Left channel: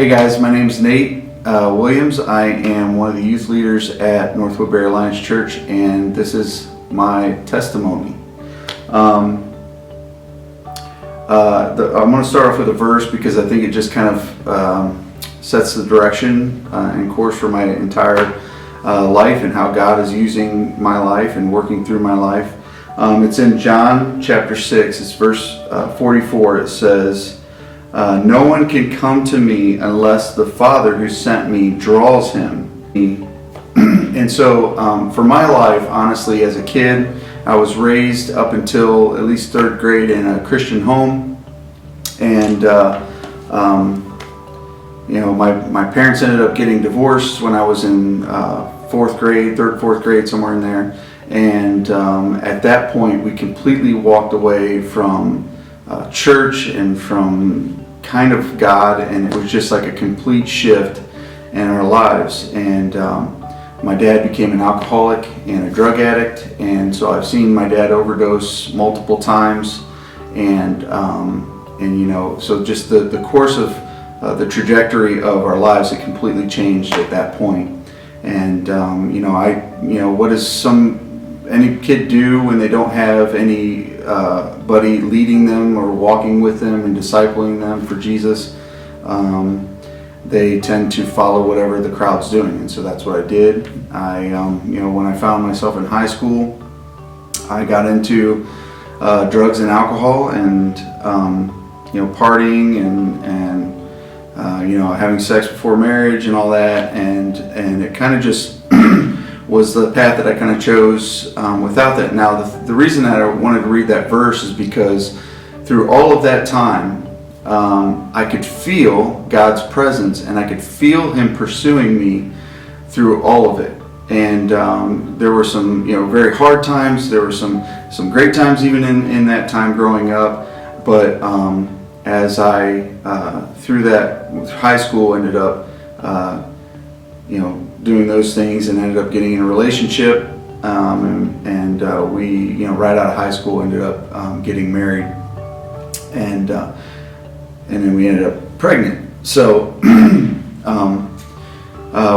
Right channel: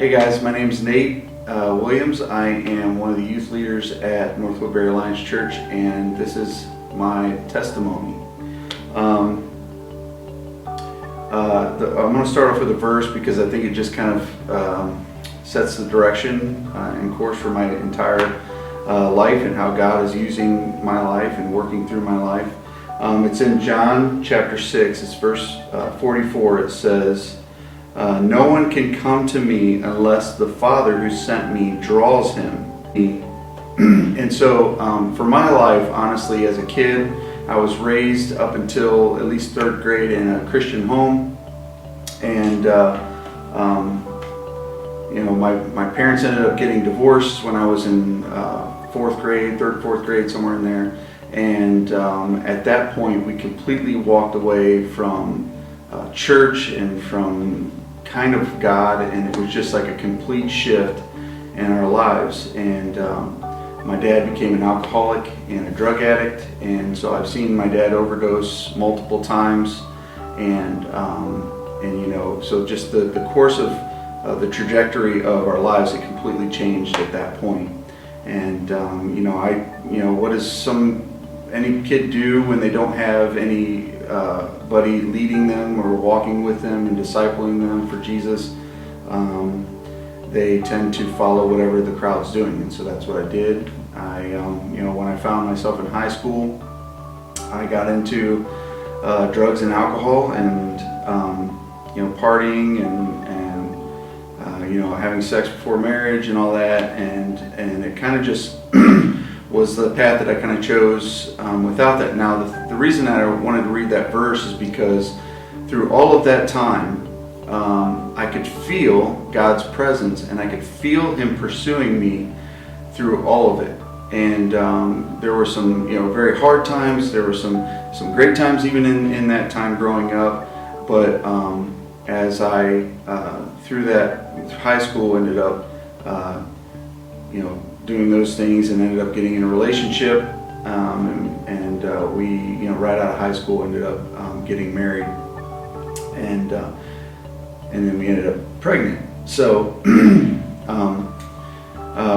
Hey guys, my name is Nate Williams. I am one of the youth leaders at North Woodbury Alliance Church, and this is my testimony. I'm going to start off with a verse because I think it just kind of sets the direction and course for my entire life and how God is using my life and working through my life. It's in John chapter 6, it's verse 44. It says, no one can come to me unless the Father who sent me draws him. And so for my life, honestly, as a kid, I was raised up until at least third grade in a Christian home. And my parents ended up getting divorced when I was in fourth, fourth grade, somewhere in there. And at that point, we completely walked away from church and from kind of God, and it was just like a complete shift in our lives. And my dad became an alcoholic and a drug addict, and so I've seen my dad overdose multiple times, and so just the course of the trajectory of our lives, it completely changed at that point. And what does any kid do when they don't have any buddy leading them or walking with them and discipling them for Jesus? They tend to follow whatever the crowd's doing, and so that's what I did. When I found myself in high school, I got into drugs and alcohol, and partying and having sex before marriage and all that, and it kind of just was the path that I kind of chose without that. Now, the reason that I wanted to read that verse is because through all of that time, I could feel God's presence, and I could feel Him pursuing me through all of it. And there were some, very hard times. There were some great times even in that time growing up. But as I through that high school ended up, doing those things, and ended up getting in a relationship, and we, right out of high school, ended up getting married, and then we ended up pregnant. So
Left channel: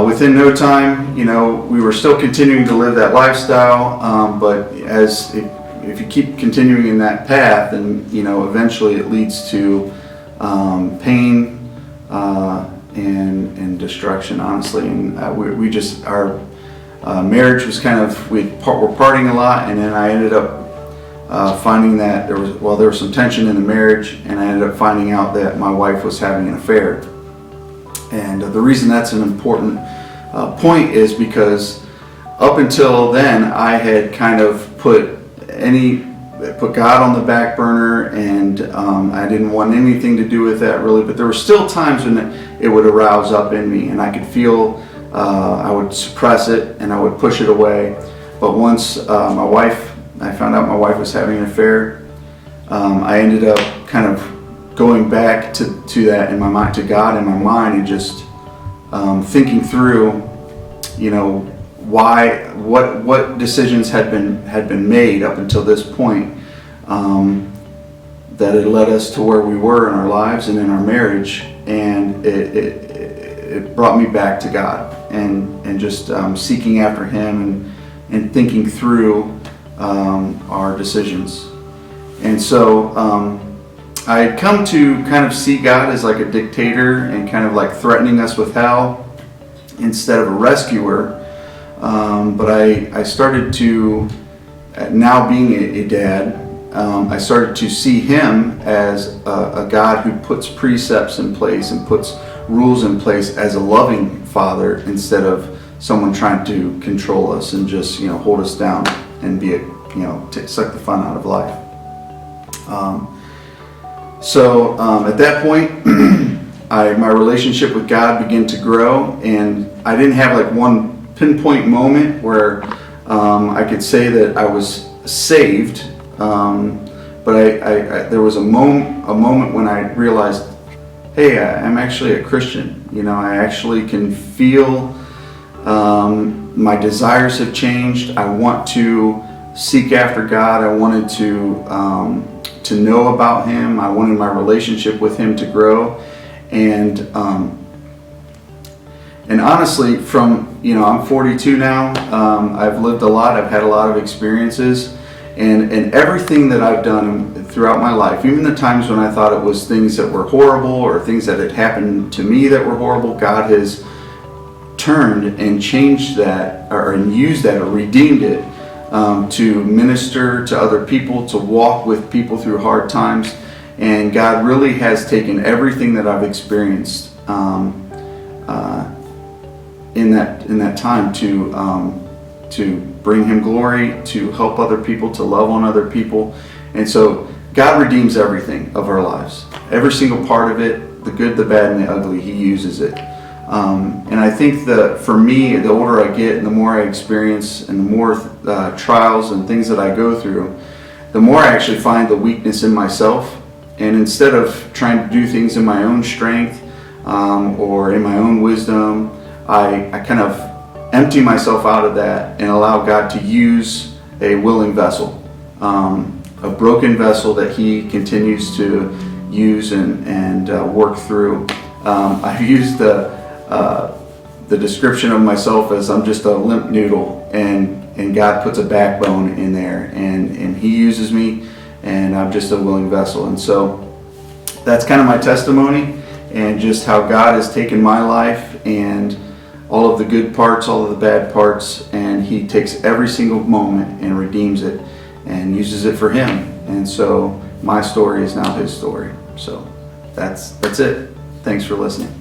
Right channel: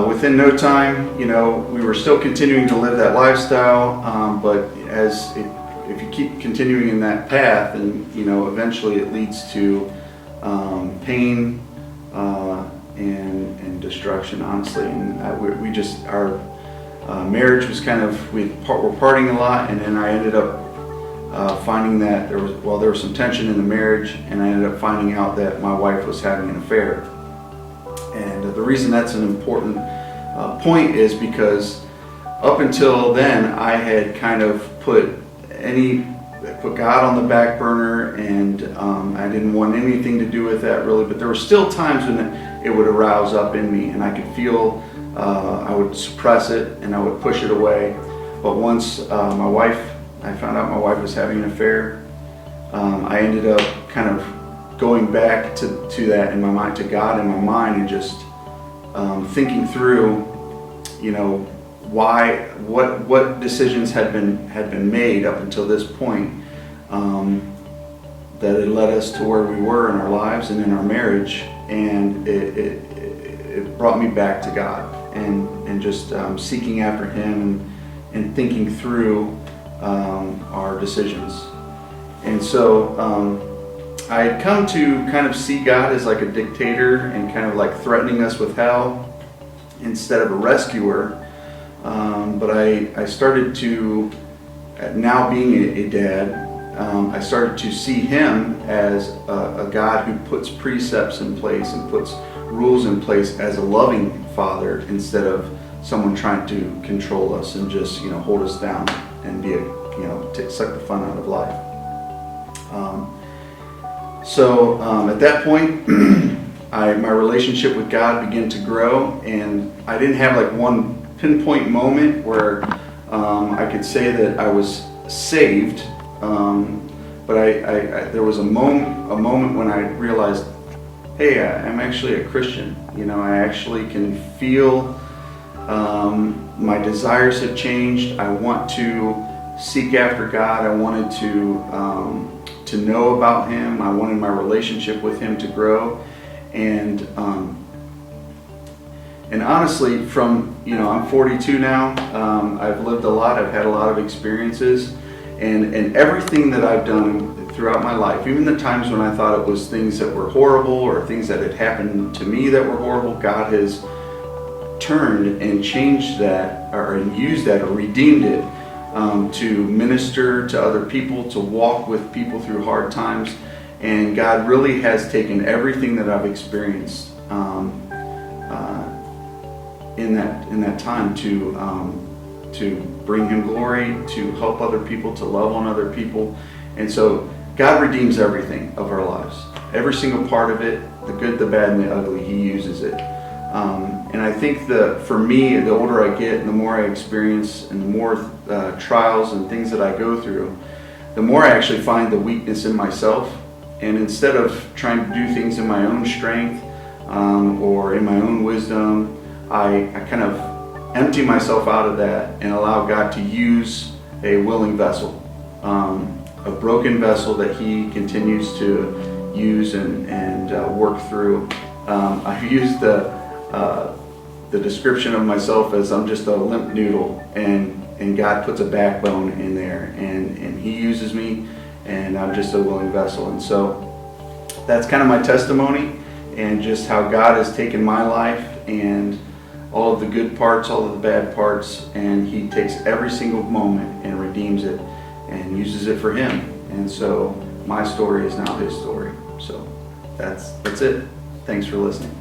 within no time, we were still continuing to live that lifestyle, but if you keep continuing in that path, then eventually it leads to pain and destruction, honestly. And our marriage was kind of, we were partying a lot, and then I ended up finding that there was some tension in the marriage, and I ended up finding out that my wife was having an affair. And the reason that's an important point is because up until then, I had kind of put God on the back burner, and I didn't want anything to do with that really, but there were still times when it would arouse up in me, and I could feel I would suppress it and I would push it away. But once I found out my wife was having an affair, I ended up kind of going back to that in my mind, to God in my mind, and just thinking through, what decisions had been made up until this point, that had led us to where we were in our lives and in our marriage, and it brought me back to God, and just seeking after Him and thinking through our decisions. And so I had come to kind of see God as like a dictator and kind of like threatening us with hell instead of a rescuer. But I started to, now being a dad, I started to see Him as a God who puts precepts in place and puts rules in place as a loving Father, instead of someone trying to control us and just hold us down and be suck the fun out of life. So at that point, my relationship with God began to grow, and I didn't have like one pinpoint moment where I could say that I was saved, but there was a moment when I realized, hey, I'm actually a Christian. I actually can feel my desires have changed. I want to seek after God. I wanted to know about Him. I wanted my relationship with Him to grow, and And honestly, from, I'm 42 now, I've lived a lot, I've had a lot of experiences, and everything that I've done throughout my life, even the times when I thought it was things that were horrible or things that had happened to me that were horrible, God has turned and changed that, and used that, or redeemed it, to minister to other people, to walk with people through hard times. And God really has taken everything that I've experienced in that time to bring Him glory, to help other people, to love on other people. And so God redeems everything of our lives. Every single part of it, the good, the bad, and the ugly, He uses it. And I think that for me, the older I get and the more I experience and the more trials and things that I go through, the more I actually find the weakness in myself. And instead of trying to do things in my own strength or in my own wisdom, I kind of empty myself out of that and allow God to use a willing vessel, a broken vessel that He continues to use and work through. I've used the description of myself as I'm just a limp noodle, and God puts a backbone in there, and He uses me, and I'm just a willing vessel. And so that's kind of my testimony, and just how God has taken my life and all of the good parts, all of the bad parts, and He takes every single moment and redeems it and uses it for Him. And so my story is now His story. So that's it. Thanks for listening.